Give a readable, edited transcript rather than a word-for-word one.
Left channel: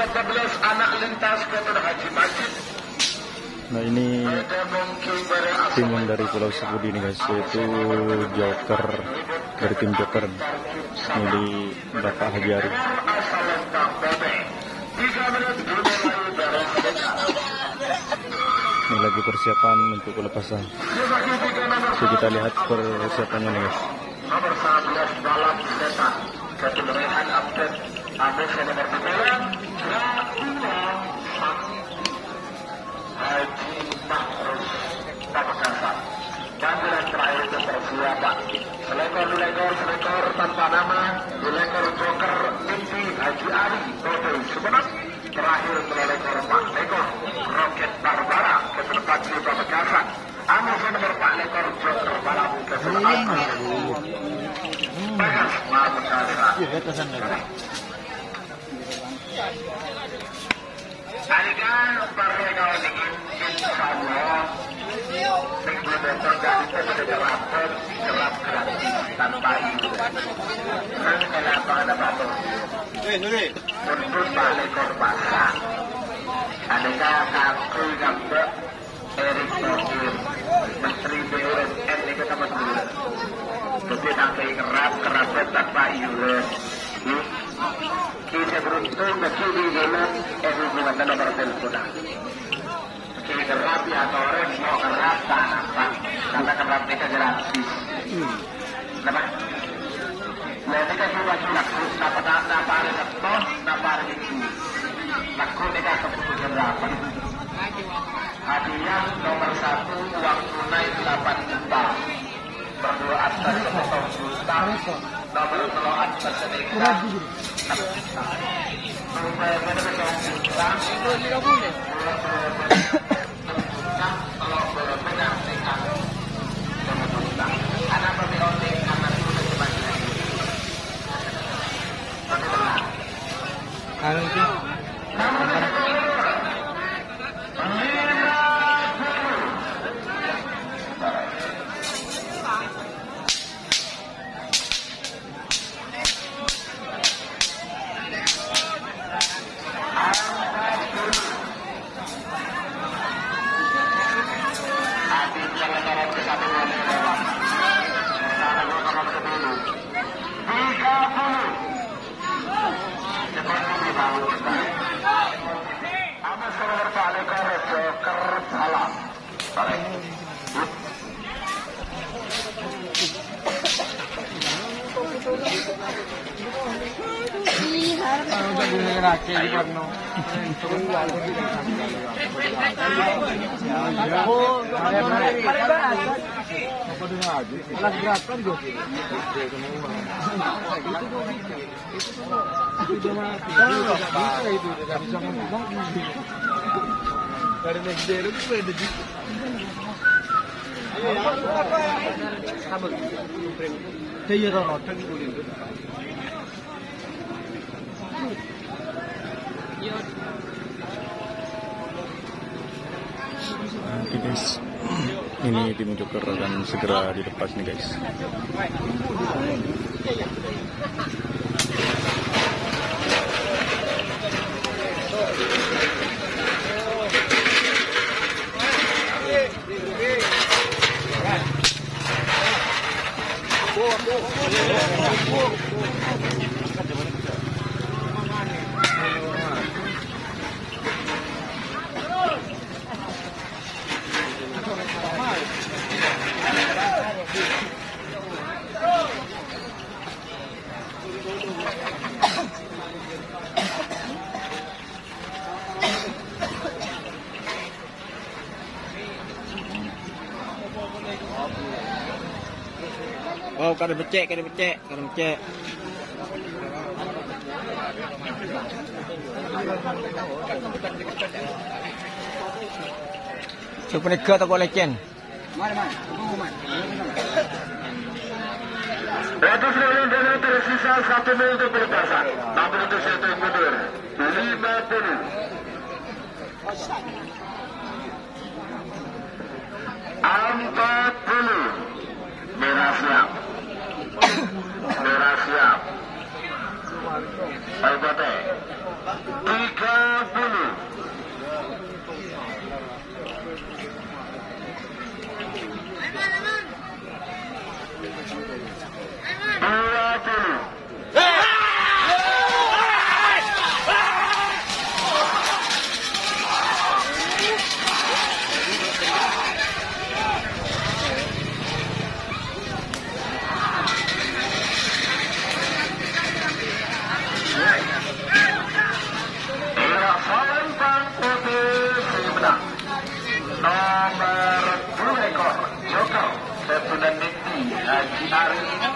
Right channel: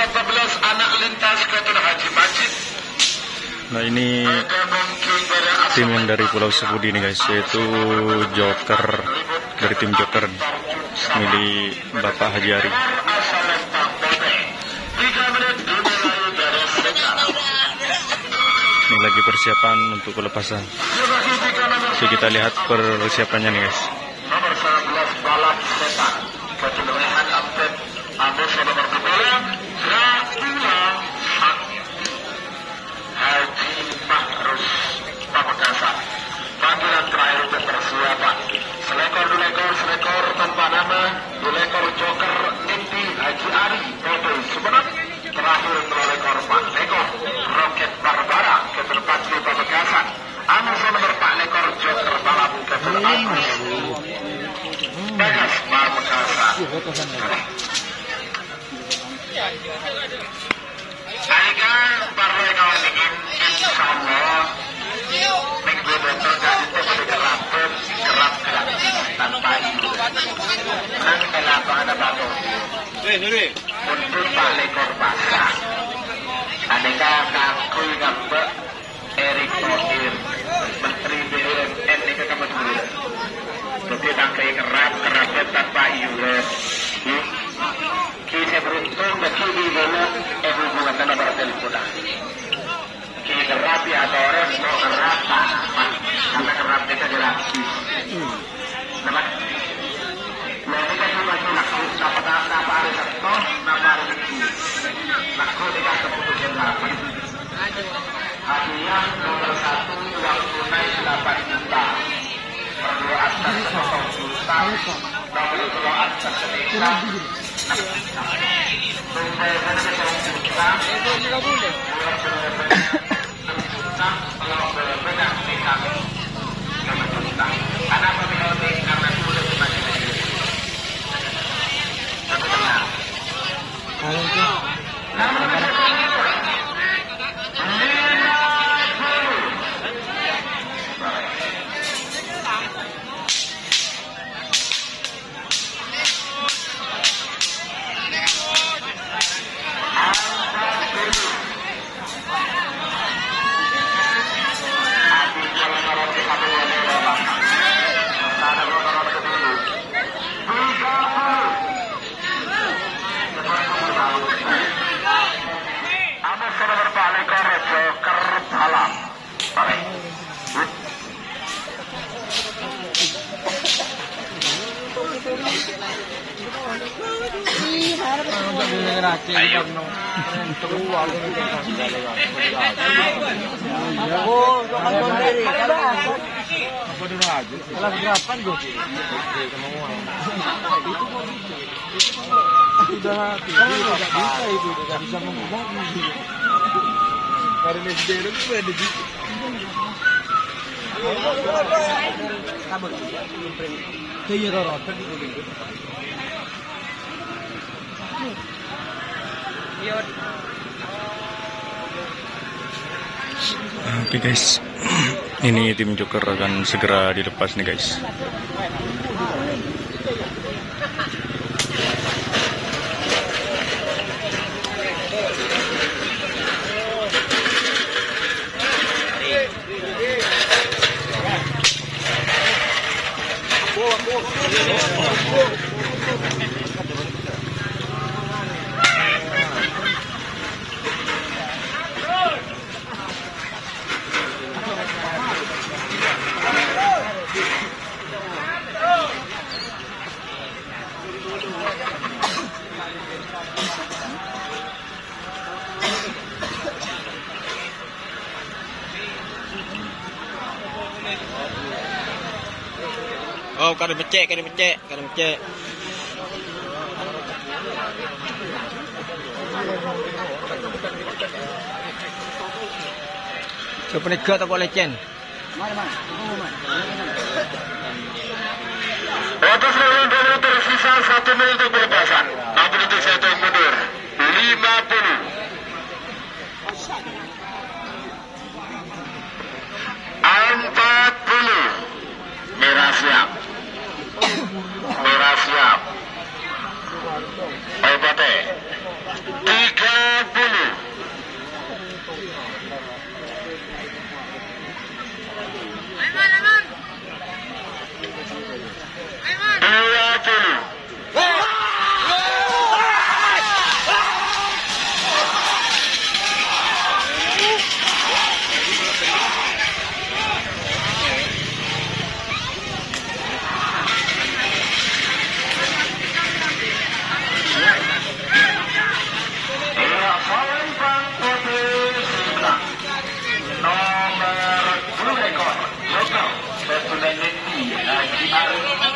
14 anak lintas Kota Haji Majid. Nah ini tim yang dari Pulau Sepudi nih guys, yaitu Joker dari tim Joker milik Bapak Haji Ari. Ini lagi persiapan untuk pelepasan. Jadi kita lihat persiapannya nih guys. Haji Mahrus Pamekasan. Panggilan terakhir untuk persiapan. Selekor tanpa nama, selekor Joker Mimpi Haji Ari PT Sumeneb. Terakhir selekor Pak Leko Roket Barbara ke tempat di Pamekasan. Amas nomor Pak Lekor Joker Balap ke tempat PS Pamekasan. Akan partai kawan ingin insyaallah minggu dokter itu sudah rapor kerap dilakukan nanti kenapa ada batu untuk balik berbahasa aneka aku gambar Erick Thohir Menteri BUMN ini ketemu dulu jadi nanti kerap tanpa US Kita beruntung bagi dalam hubungan dalam bertel kita. Kita berapi atau orang mau apa? Kita berapi ke dalam. Maka mau kita laku dapat apa ada satu, dapat itu. Laku kita keputusan berapa? Hadiah nomor 1 uang tunai 8 juta. Berdua atas 1 juta. Nomor 2 atas nikah. Ayo. Oke guys, ini tim Joker akan segera dilepas nih guys. Oh, kada becek. Siapa nak ke atau lecen? Mana? Waktu sebelum 2 menit tersisa 1 menit untuk pelepasan. 60 detik saya hitung mundur. 50. 40. Merah siap. Ayo bate. 30. Haji Arif